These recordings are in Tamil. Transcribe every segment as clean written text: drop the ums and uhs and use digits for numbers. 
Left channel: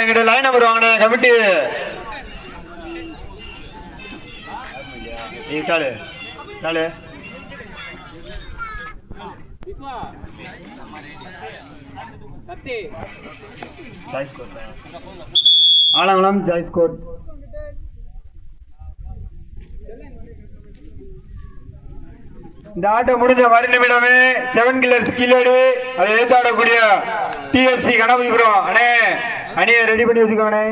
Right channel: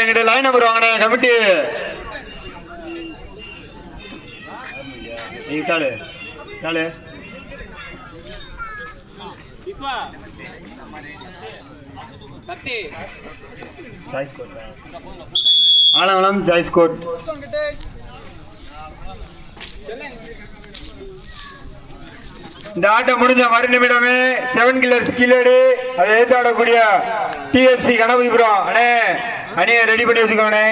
எங்கிட்ட லைன் நம்பர் வாங்கினே கமிட்டி காலு காலு ஆலங்குளம் ஜாய்ஸ் கோட். இந்த ஆட்டம் முடிஞ்ச மறு நிமிடமே 7 கில்லர்ஸ் கீழடி அதை ஏற்றாடக்கூடிய டிஎஃப்சி கணபதிபுரம் அண்ணே அணியை ரெடி பண்ணி வச்சுக்கோண்ணே.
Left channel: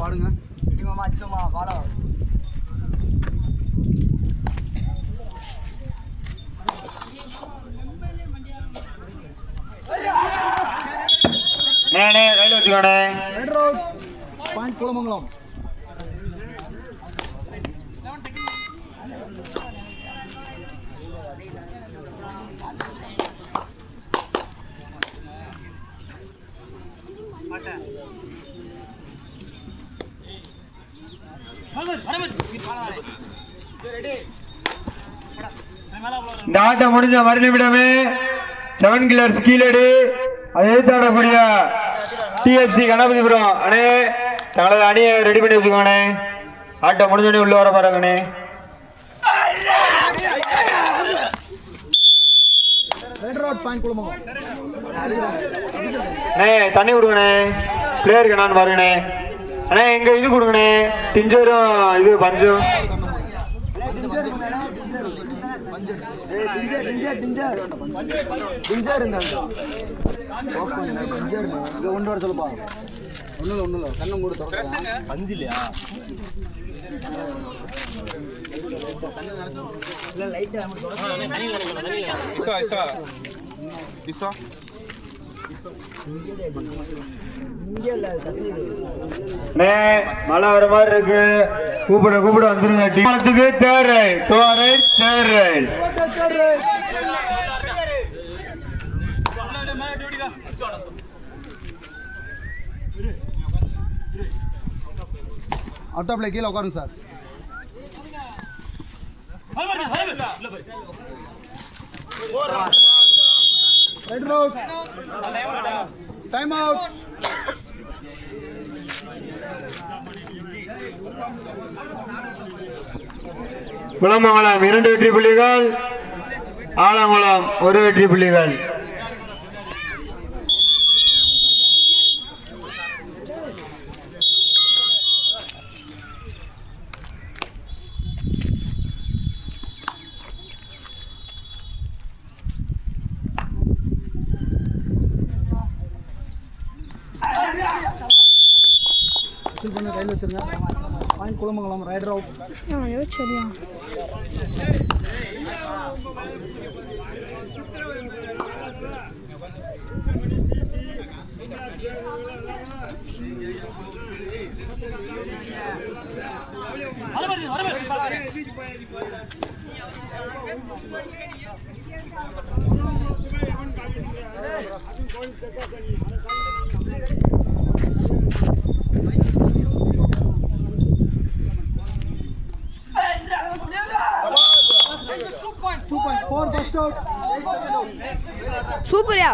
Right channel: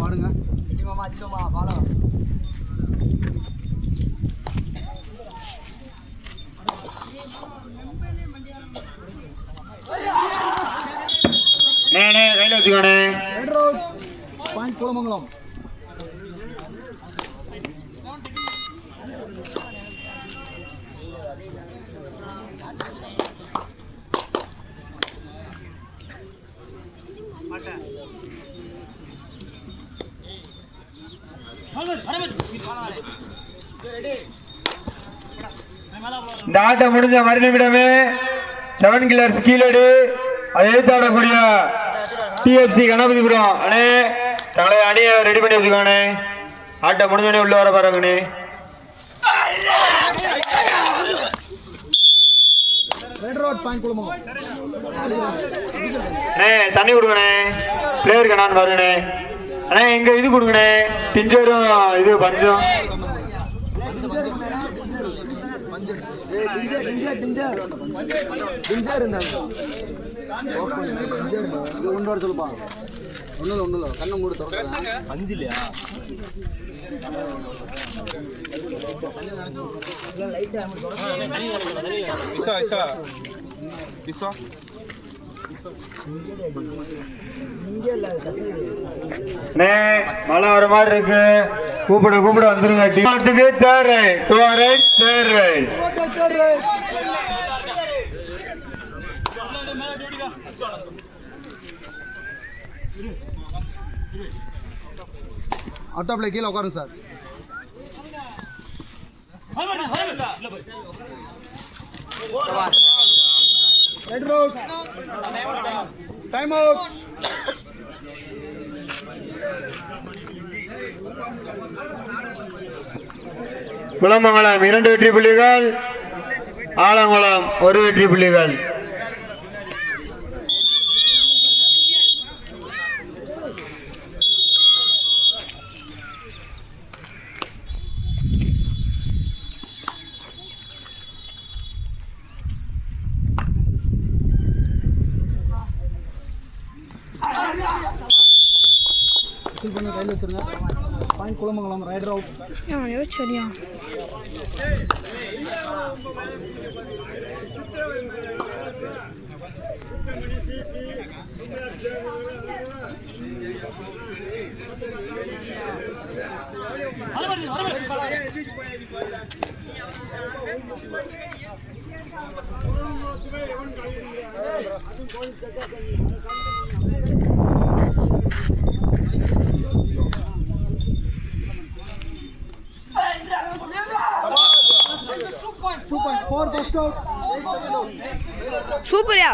பாடுங்க கையில வச்சுக்கோண்ணே. பாயிண்ட் குளமங்கலம். இந்த ஆட்டம் முடிஞ்ச மறு நிமிடமே 7 கில்லர்ஸ் கீழடி அதை எழுத்தாடக்கூடிய டிஎஃப்சி கணபதிபுரம் அண்ணே தங்களது அணியை ரெடி பண்ணி வச்சுக்கோண்ணே. ஆட்டம் முடிஞ்சோடனே உள்ள வர பாருங்கண்ணே. தண்ணி கொடுங்கண்ணே. பிளேயருக்கு நான் பாருங்கண்ணே. அண்ணே எங்க இது கொடுங்கண்ணே. டிஞ்சரும் இது பஞ்சும் ஒன்று வர சொல்லுப்பா. ஒன்றும் கண்ணம் கூட தொடர்றேன். அஞ்சு இல்லையா மழை வர மாதிரி இருக்கு. கூப்பிட கூப்பிட வந்துருங்க. டீமுக்கு third raid third raid. Out of play கீழே உட்காருங்க சார். Time out. குளமங்கலம் 2 வெற்றி புள்ளிகள், ஆலங்குளம் 1 வெற்றி புள்ளிகள். கையில் வச்சிருங்க. பாயிண்ட் குளமங்கலம். Raider out. சரியா சூப்பர்யா.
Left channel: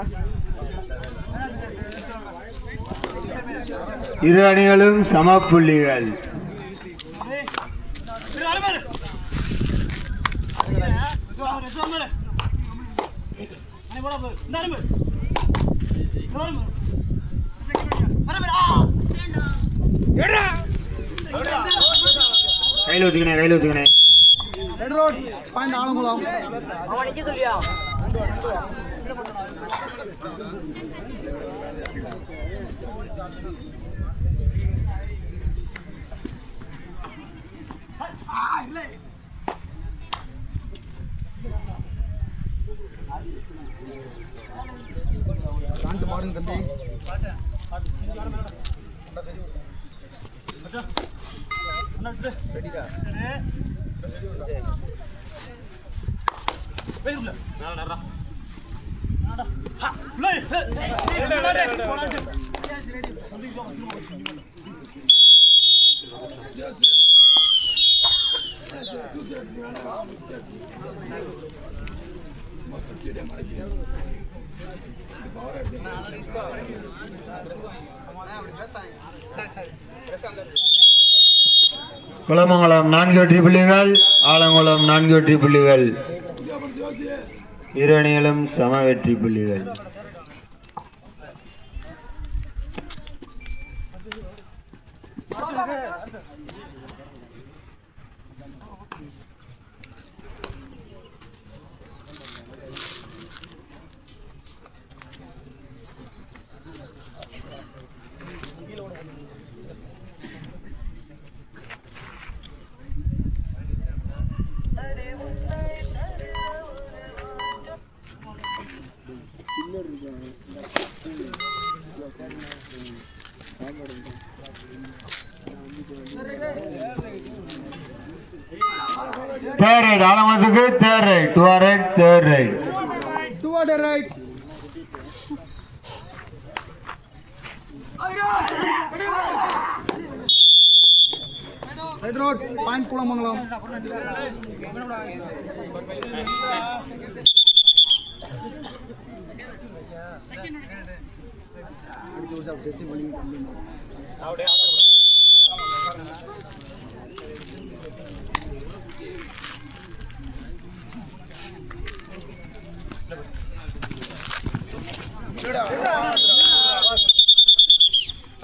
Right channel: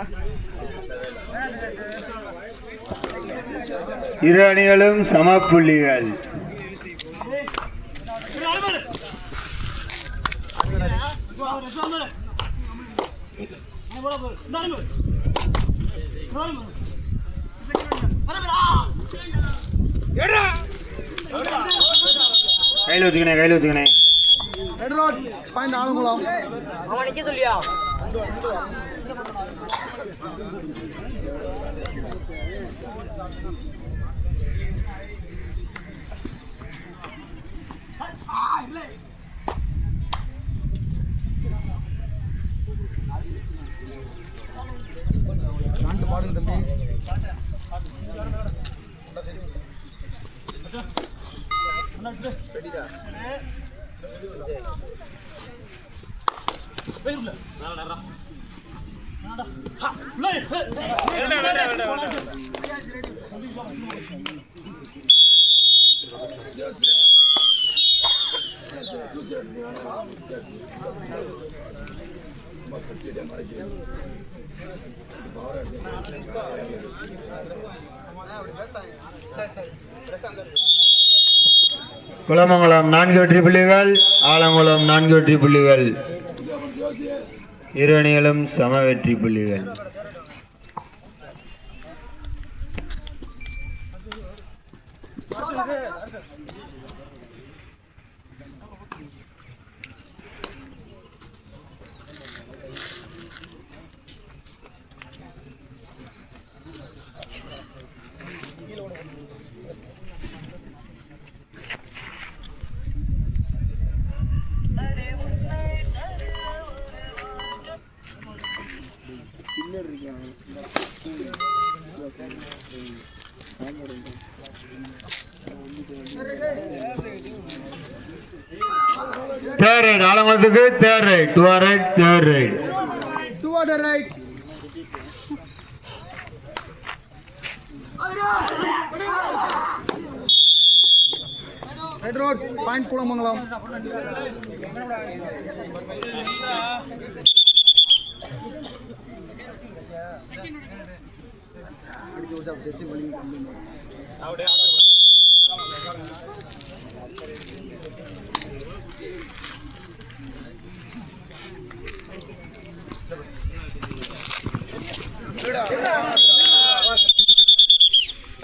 இரு அணிகளும் சம புள்ளிகள். கையில் வச்சுக்கணே. Red Road, find Alangulam. Can't pardon the thing. Kulamangalam 4 வெற்றி புள்ளிகள், ஆலங்குளம் 4 வெற்றி புள்ளிகள். இரு அணிகளும் சம வெற்றி புள்ளிகள். Third right, ஆலங்குளத்துக்கு third right, to our right, third right. Toward the right. Red Road, find Kulamangalam.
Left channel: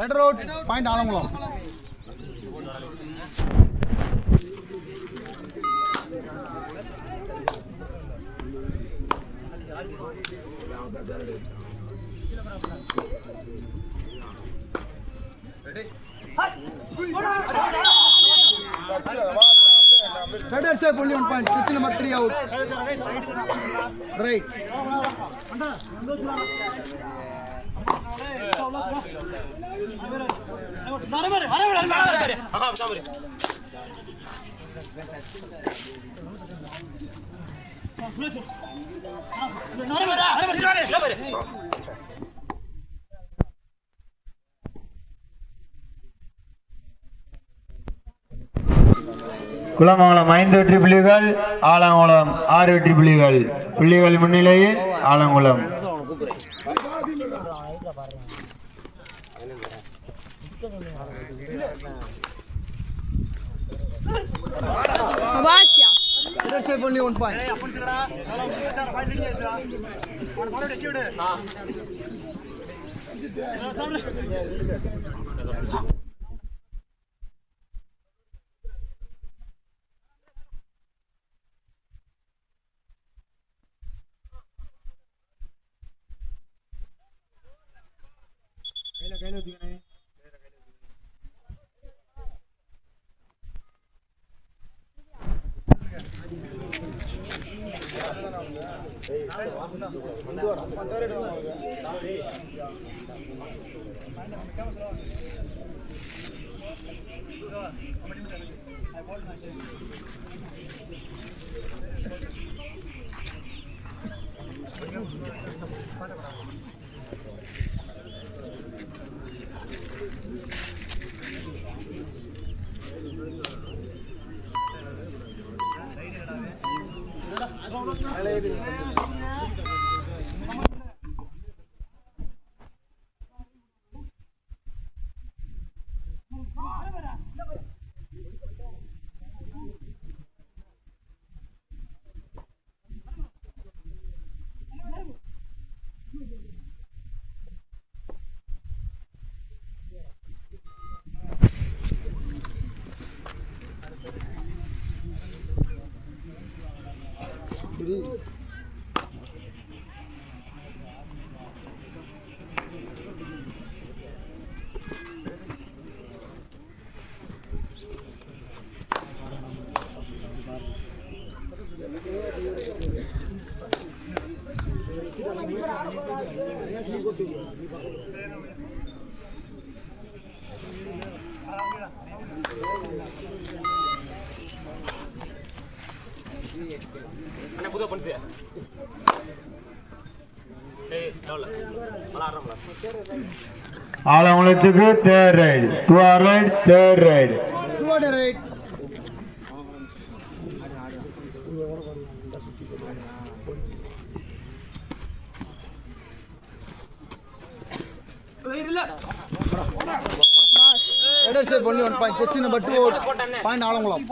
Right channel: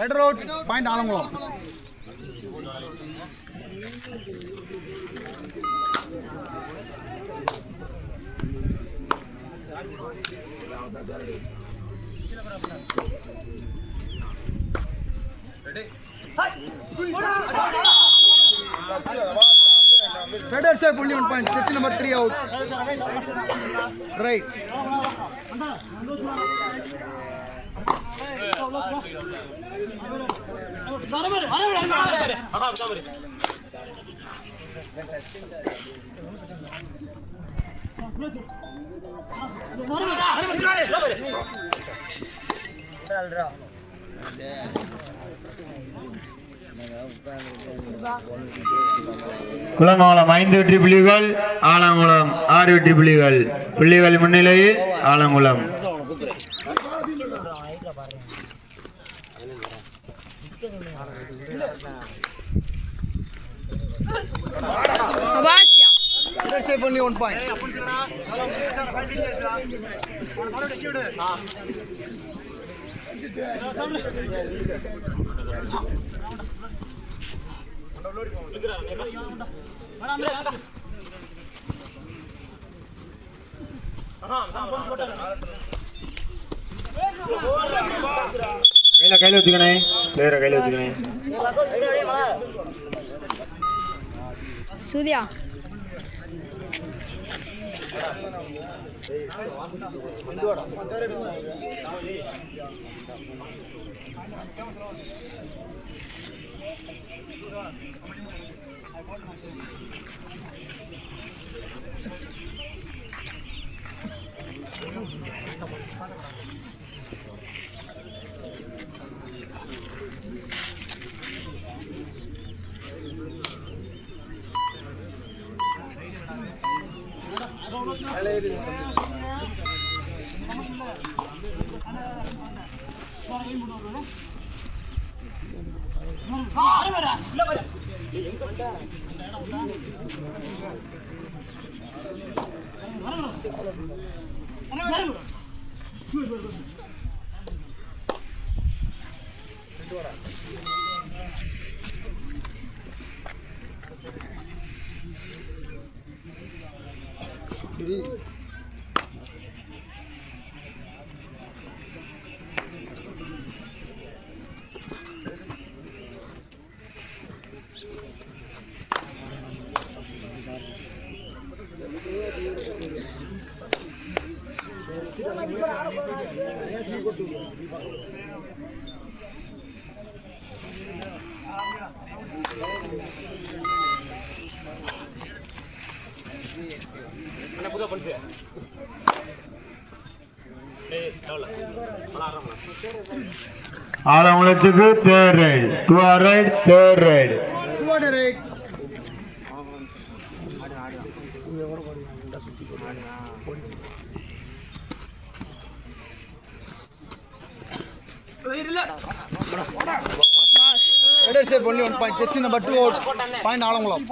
Red Road, find Alangulam. Better shape, only 1 point. This is number 3 out. Right. Kulamangalam 5 வெற்றி புள்ளிகள், ஆலங்குளம் 6 வெற்றி புள்ளிகள். புள்ளிகள் முன்னிலையில் Alangulam. Abasia. Better shape, only 1 point. கையில வச்சுக்கணே, வேற கையில வச்சுக்கணே. Surya. ஆலங்குளத்துக்கு third raid 200 third raid only 1 point. Just number 2 point Alangulam.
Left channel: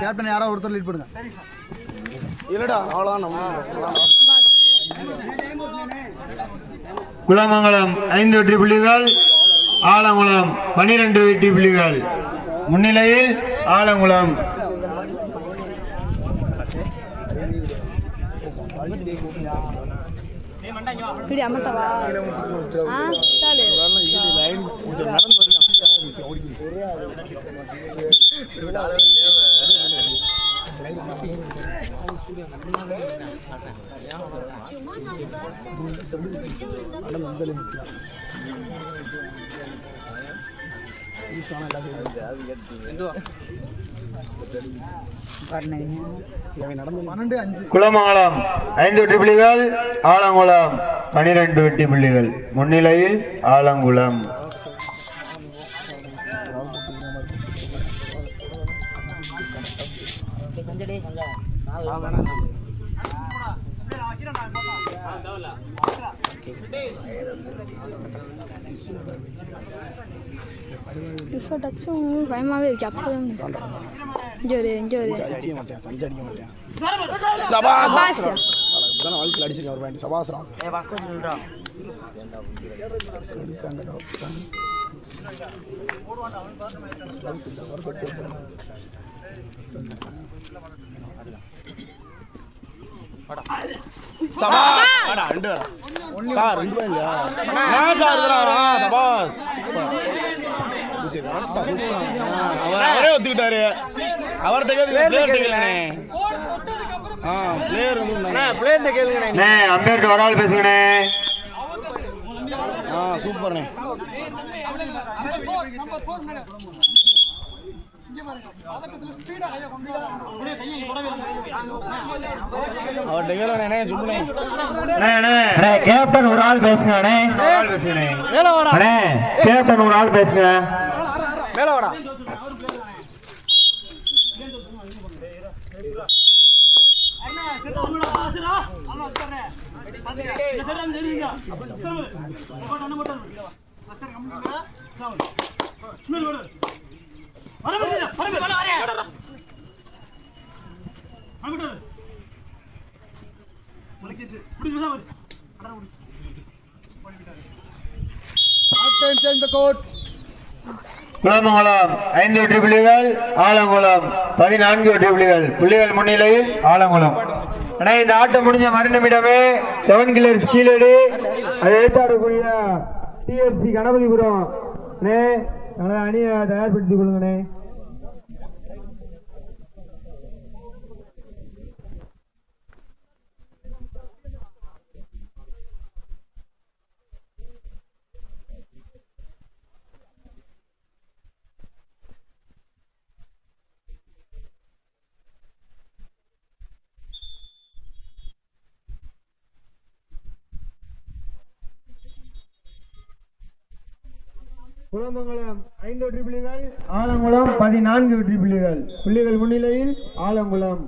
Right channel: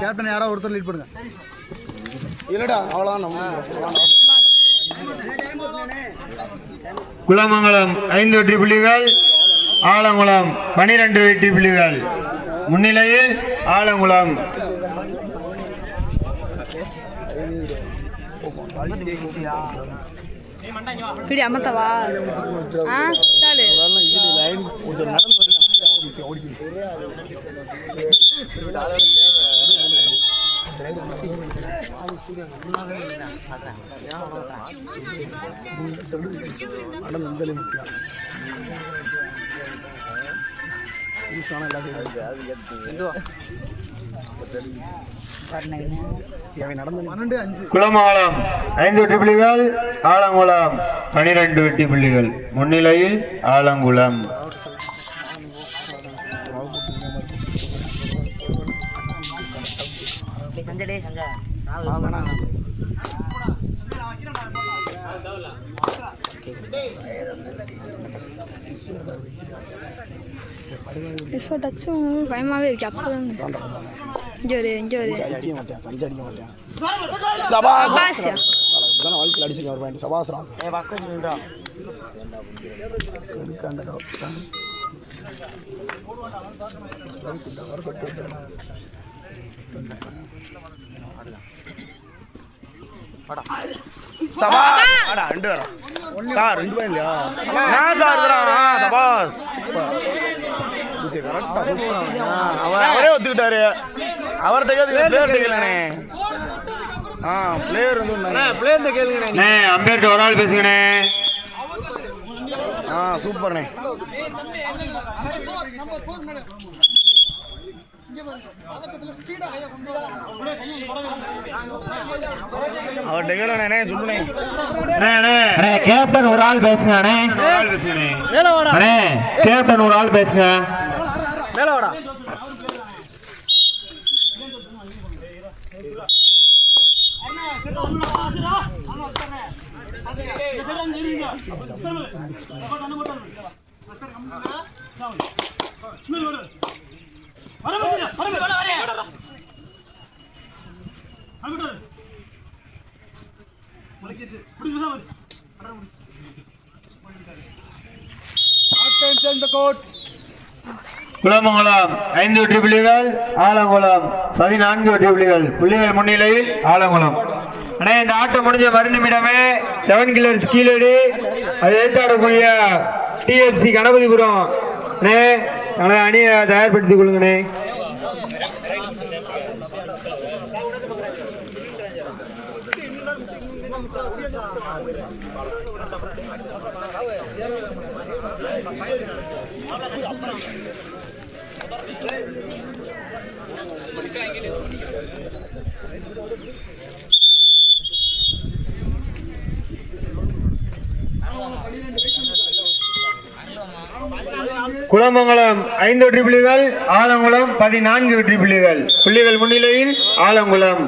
Captain யாரோ ஒருத்தர் லீட் பண்ணுங்க. இல்லடா அவ்வளவுதான் நம்ம. குலமங்கலம் 5 வெற்றி புள்ளிகள், ஆலங்குளம் 12 வெற்றி புள்ளிகள். முன்னிலையில் ஆலங்குளம். இப்படி அமர்த்தவா சாலு குலமங்கலம் 5 வெற்றி புள்ளிகள், ஆலங்குளம் 12 வெற்றி புள்ளிகள். முன்னிலையில் ஆலங்குளம். டச்சும் பயமாவே இருக்கு. அப்பதான் இங்கே ஒரு சபாஷா வாழ்க்கையில் அடிச்சிருக்க ஒரு பாயிண்ட் சபாசரா அவரே ஒத்துக்கிட்டாரு. அவர்கிட்ட அம்பேர் ஒரு ஆள் பேசுங்கண்ணே. சூப்பர்ண்ணே. கேப்டன் ஒரு ஆள் பேசுங்க. கேப்டன் ஒரு ஆள் பேசுங்க. குலமங்கலம் 5 வெற்றி புள்ளிகள், ஆலங்குளம் 14 வெற்றி புள்ளிகள். புள்ளிகள் முன்னிலையில் ஆலங்குளம். ஆனால் இந்த ஆட்டம் முடிஞ்ச மறுநிமிடமே 7 கில்லர்ஸ் கீழடி அதை எதிர்த்தாடக்கூடிய டிஎஃப்சி கணபதிபுரம் அண்ணே அணியை தயார்படுத்திக் கொள்ளுங்கண்ணே. குலமங்கலம் 5 வெற்றி புள்ளிகள், ஆலங்குளம் 14 வெற்றி புள்ளிகள். புள்ளிகள் முன்னிலையில் ஆலங்குளம்.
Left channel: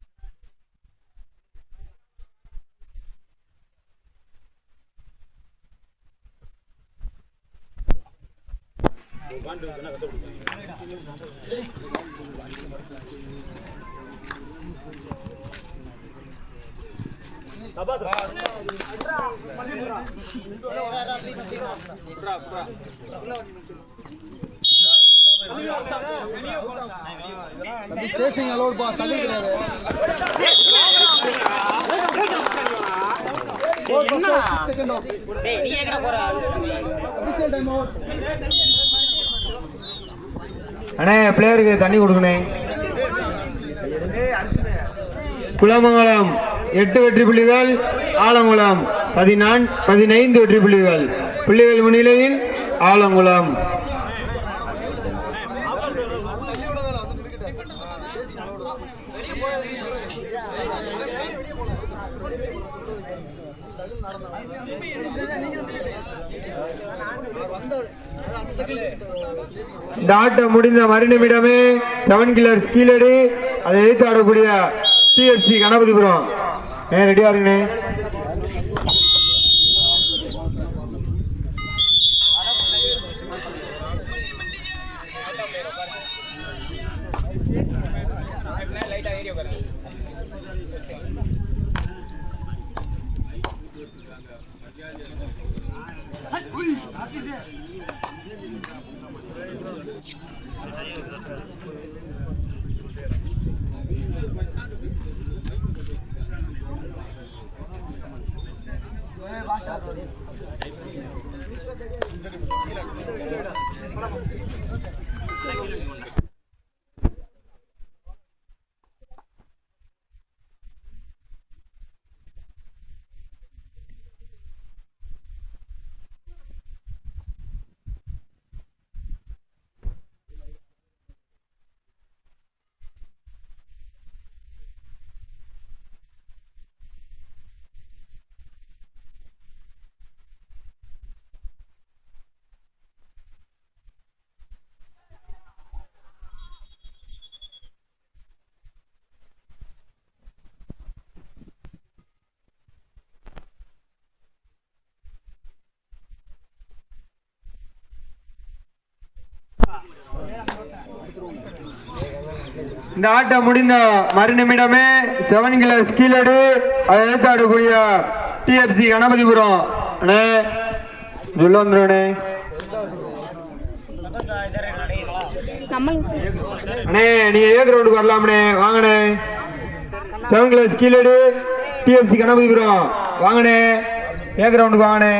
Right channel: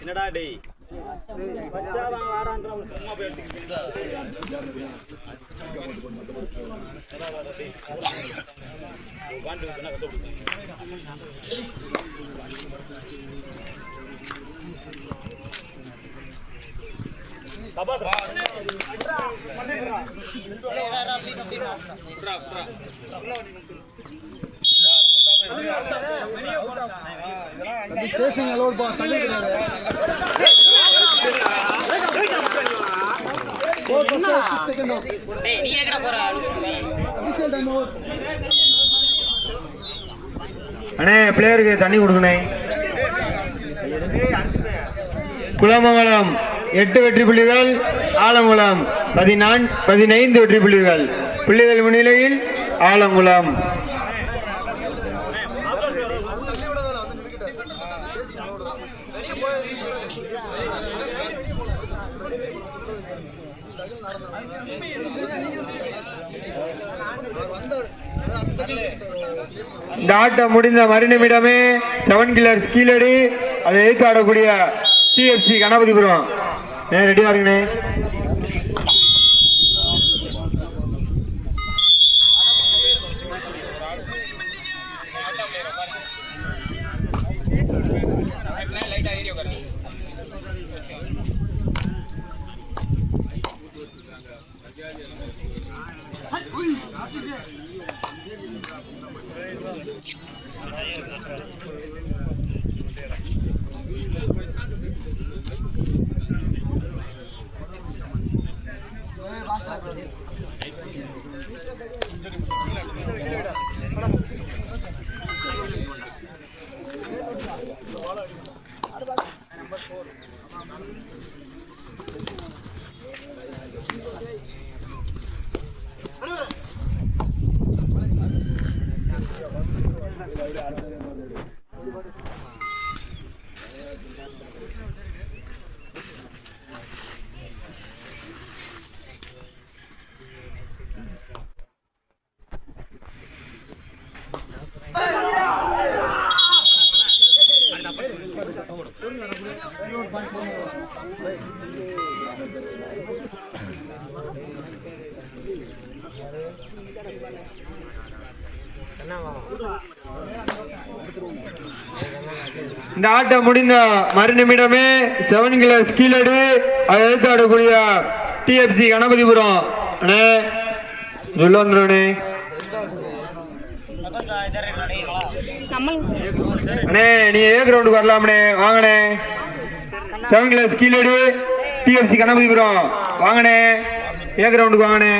என்னடா டேய் பச்சாதான் வாடான்ற சும்மா போய் எடுத்துக்கிட்டு சேசிங் அலோட் பா சண்டை கிடையாது டேய் நீ எங்கடா போற அண்ணே பிளேயருக்கு தண்ணி கொடுக்கணே. குலமங்கலம் 8 வெற்றி புள்ளிகள், ஆலங்குளம் 15 வெற்றி புள்ளிகள். புள்ளிகள் முன்னிலையில் ஆலங்குளம். இந்த ஆட்டம் முடிந்த மறுநிமிடமே 7 கில்லர்ஸ் கீழடி, அதை எதிர்த்து ஆடக்கூடிய டிஎஃப்சி கணபதிபுரம். ரெடியா இருக்குண்ணே. இந்த ஆட்டம் முடிந்த மறுநிமிடமே 7 கில்லர்ஸ் கீழடி, அதை எதிர்த்து ஆடக்கூடிய டிஎஃப்சி கணபதிபுரம். அண்ணே உள்ள வந்துடுண்ணே. அண்ணே நீ ஏ கிரவுண்டுக்கு வரலாம்ண்ணே, வாங்கண்ணே. 7 கில்லர்ஸ் கீழடி, டிஎஃப்சி கணபதிபுரம், வாங்கண்ணே. ஏ கிரவுண்டுக்கு வாங்கண்ணே.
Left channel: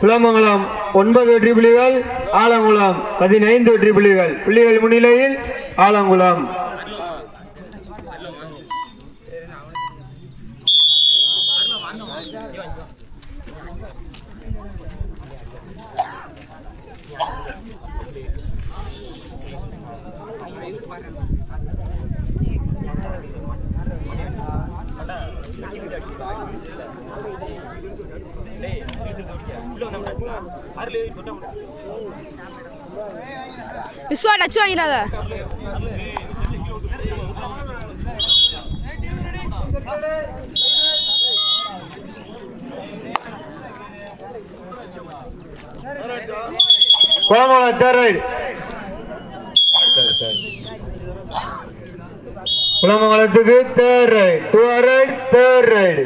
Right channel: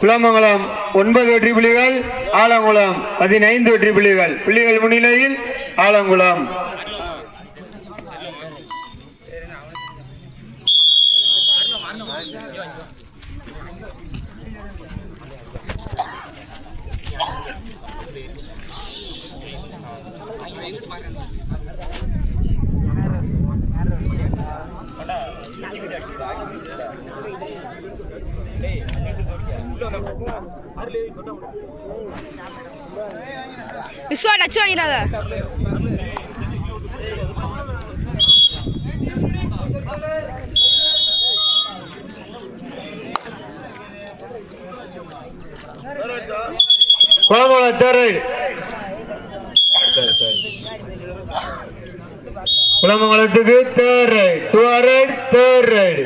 குலமங்கலம் 9 வெற்றி புள்ளிகள், ஆலங்குளம் 15 வெற்றி புள்ளிகள். புள்ளிகள் முன்னிலையில் ஆலங்குளம். விஸ்வா டச் வாங்கிறாத. குலமங்கலம் தேர்ட், குலமங்கலத்துக்கு third raid, 2 raid, third raid.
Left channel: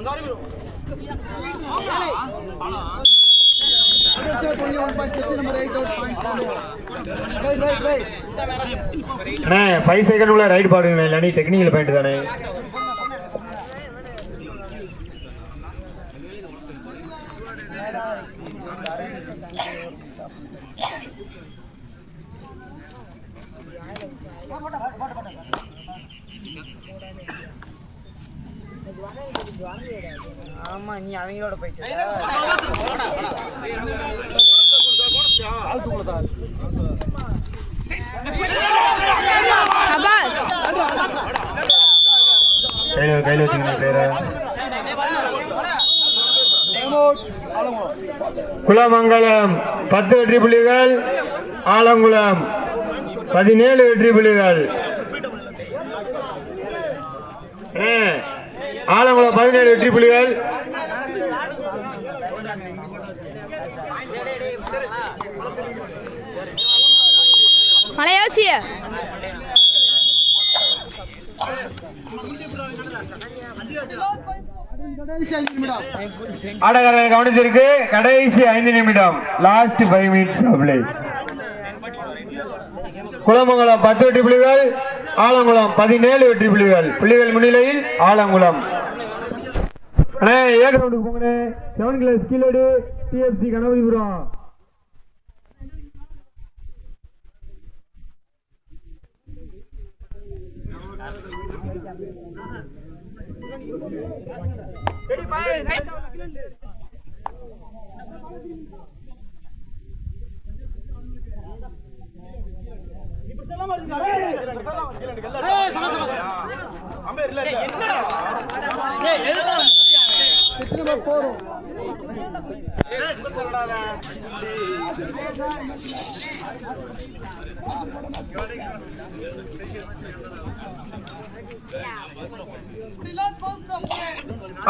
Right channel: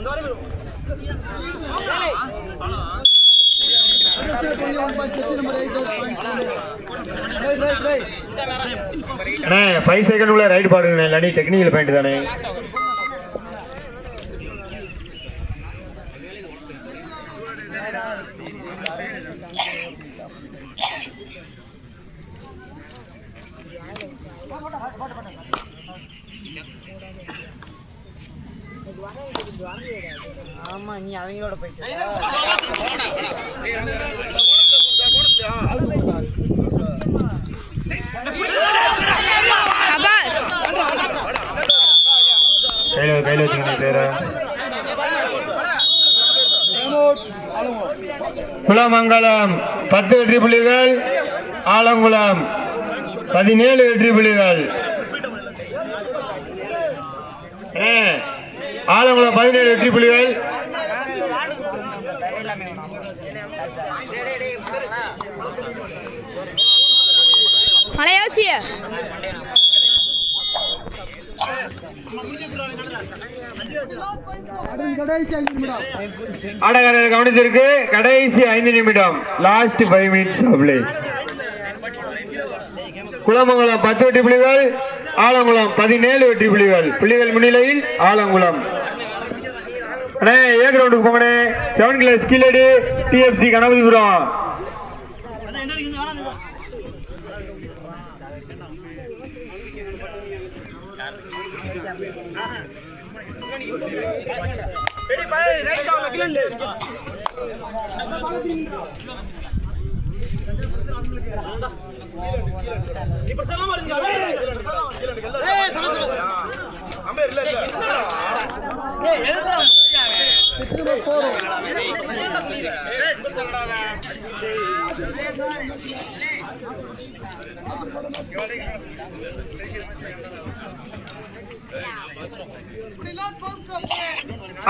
அண்ணே 5 செகண்ட் உள்ள ரைட் பாருங்க, இல்லாட்டி டெக்னிக்கல் பாயிண்ட் தானே. ஆமா நீ அவங்களோட போயிட்டு அபாஸ் கையில வச்சுக்கணும் பேர. குலமங்கலம் 10 வெற்றி புள்ளிகள், ஆலங்குளம் 17 வெற்றி புள்ளிகள். ஆலங்குளம் 17 வெற்றி புள்ளிகள். மலையோசிய ஆடகரை கவனிச்சிருக்கு. கடைசி 5 நிமிடம், last 5 minutes of play. Kulamangalam 10 வெற்றி புள்ளிகள், ஆலங்குளம் 17 வெற்றி புள்ளிகள். புள்ளிகள் முன்னிலையில் ஆலங்குளம். அண்ணே ஏ கிரவுண்டுக்கு போங்கண்ணே. 7 கிளாஸ் கீழடி டிஎஃப்சி கணபதிபுரம்.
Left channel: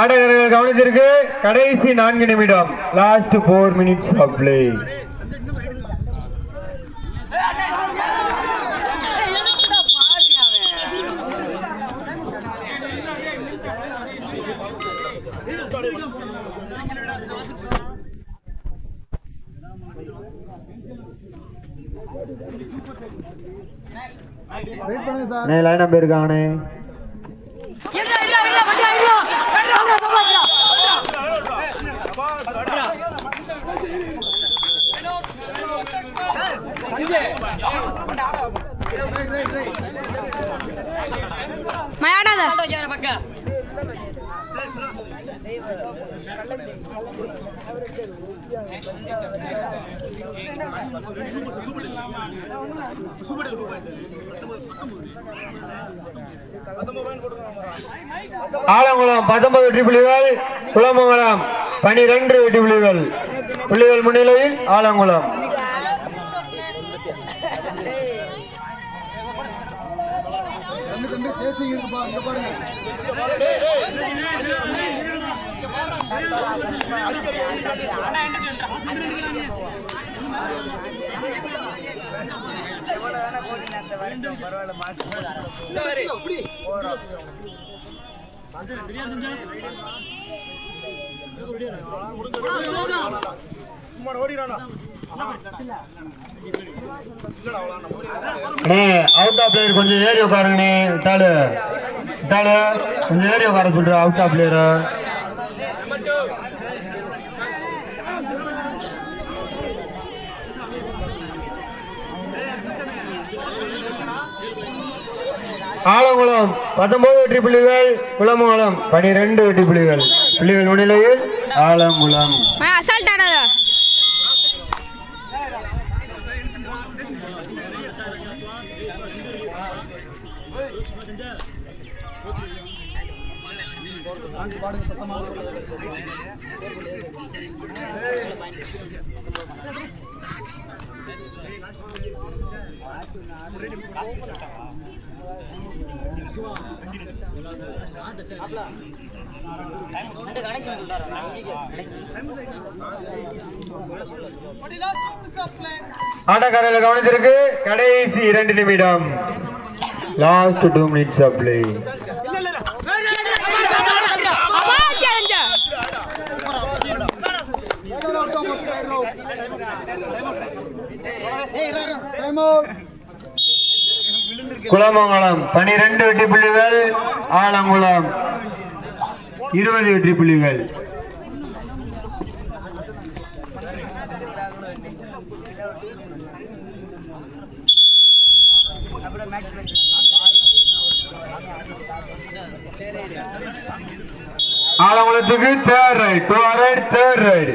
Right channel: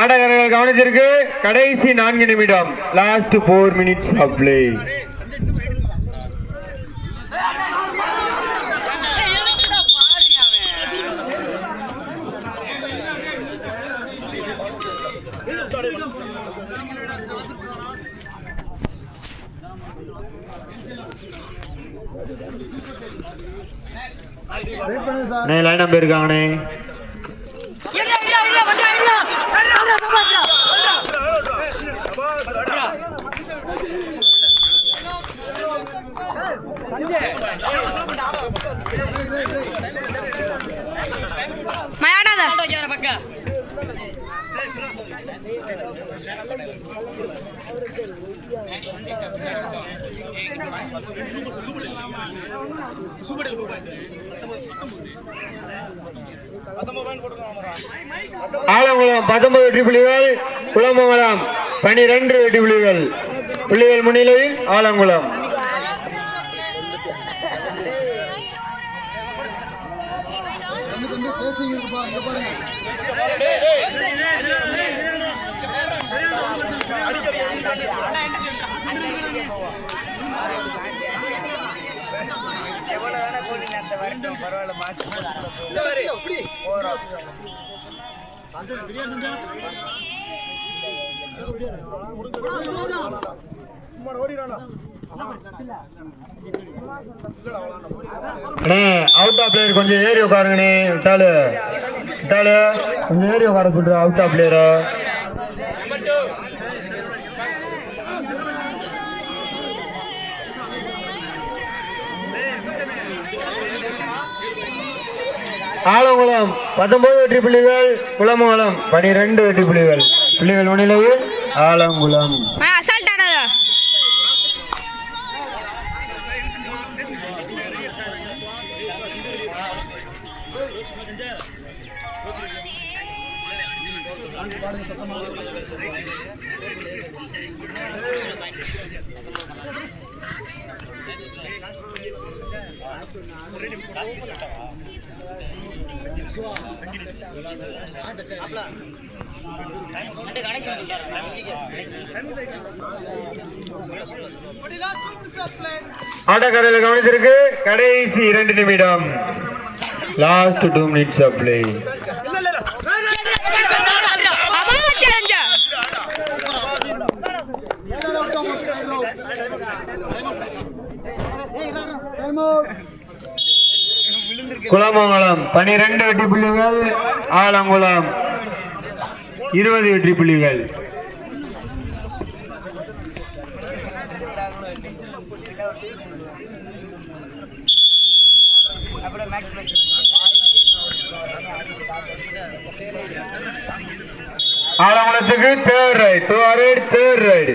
ஆடகர்கள் கவனிச்சிருக்கு. கடைசி 4 நிமிடம், last 4 minutes of play. Line number இருக்காங்கண்ணே. மயாடாத ஆலங்குளம் 19 வெற்றி புள்ளிகள், குலமங்கலம் 12 வெற்றி புள்ளிகள். புள்ளிகள் முன்னிலையில் ஆலங்குளம். அவுட் ஆஃப் பிளேயர் கொஞ்சம் ஏறி உட்காருங்கண்ணே. விட்டாலு கொஞ்சம் ஏறி உட்கார சொல்ற அவுட் ஆஃப் பிளேயரை. ஆலங்குளம் 19 வெற்றி புள்ளிகள், குலமங்கலம் 12 வெற்றி புள்ளிகள். புள்ளிகள் முன்னிலையில் ஆலங்குளம். அசால்ட் ஆடாதா ஆட்டக்காரர்கள் கவனித்திருக்கு. கடைசி 2 நிமிடம், last 2 minutes of play. Kulamangalam 12 வெற்றி புள்ளிகள், ஆலங்குளம் 20 வெற்றி புள்ளிகள். ஆலங்குளத்துக்கு third raid.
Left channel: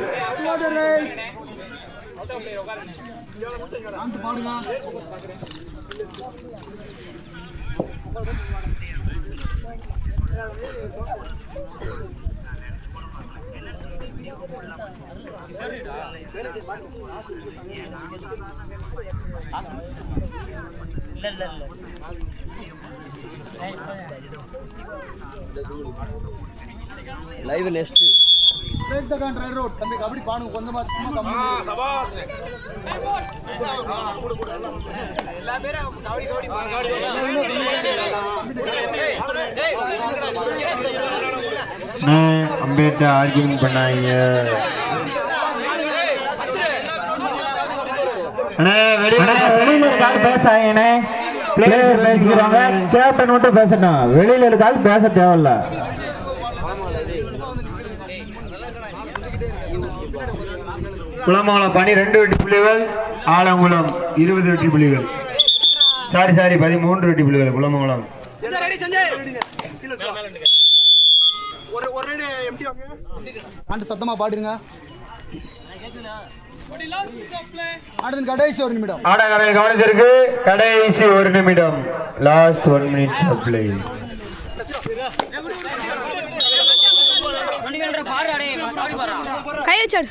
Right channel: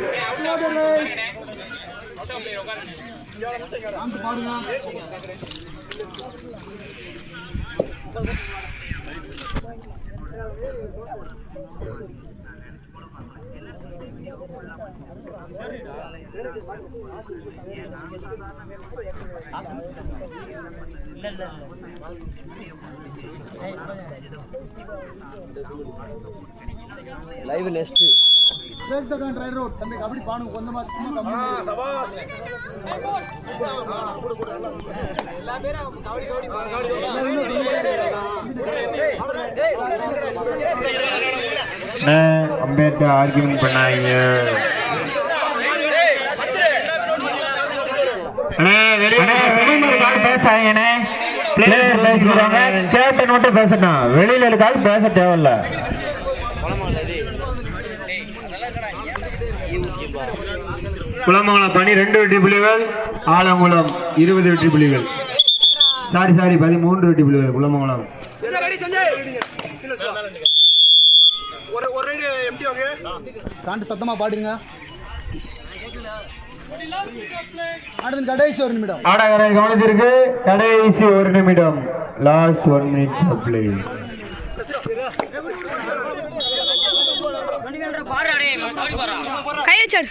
Live next break the கான் ரைட் ரோட் தம்பி கபடி பாடுங்க கொஞ்சமா கம்மி எல்லா பேரும் கபடி அம்பேத்கர் ஆர்கியூமெண்ட் பண்ணாங்க. பேசாங்கண்ணே, பிளேயர் பேசிக்கிறாங்க, கேப்டன் மட்டும் பேசட்டும், வெளியில இருக்காது பேச தேவையில்ல. குளமங்கலம் 12 வெற்றி புள்ளிகள், ஆலங்குளம் 20 வெற்றி புள்ளிகள். சாரி 13 வெற்றி புள்ளிகள் குளமங்கலம். சத்தமா பாடுங்க. கடைசி 1 நிமிடம் ஆடகரை கவனத்திற்கு, கடைசி 1 நிமிடம், லாஸ்ட் 1 minute of play. கை வச்சாடு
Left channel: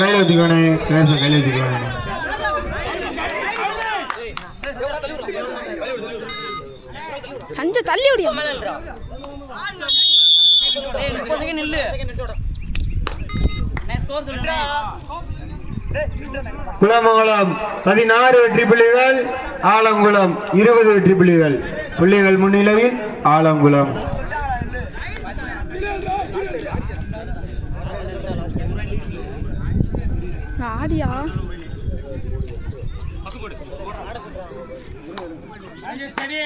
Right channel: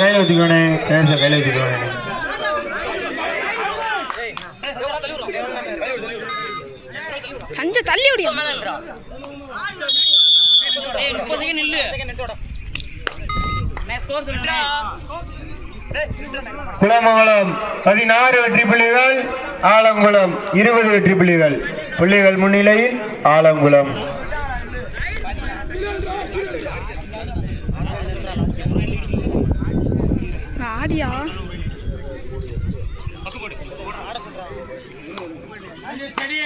கையில ஊத்திக்கோனே, கையில ஊத்திக்கோனே. கொஞ்சம் தள்ளி விடியா. குளமங்கலம் 16 வெற்றி புள்ளிகள், ஆலங்குளம் 20 வெற்றி புள்ளிகள். புள்ளிகள் முன்னிலையில் ஆலங்குளம். ஆடியா Ready?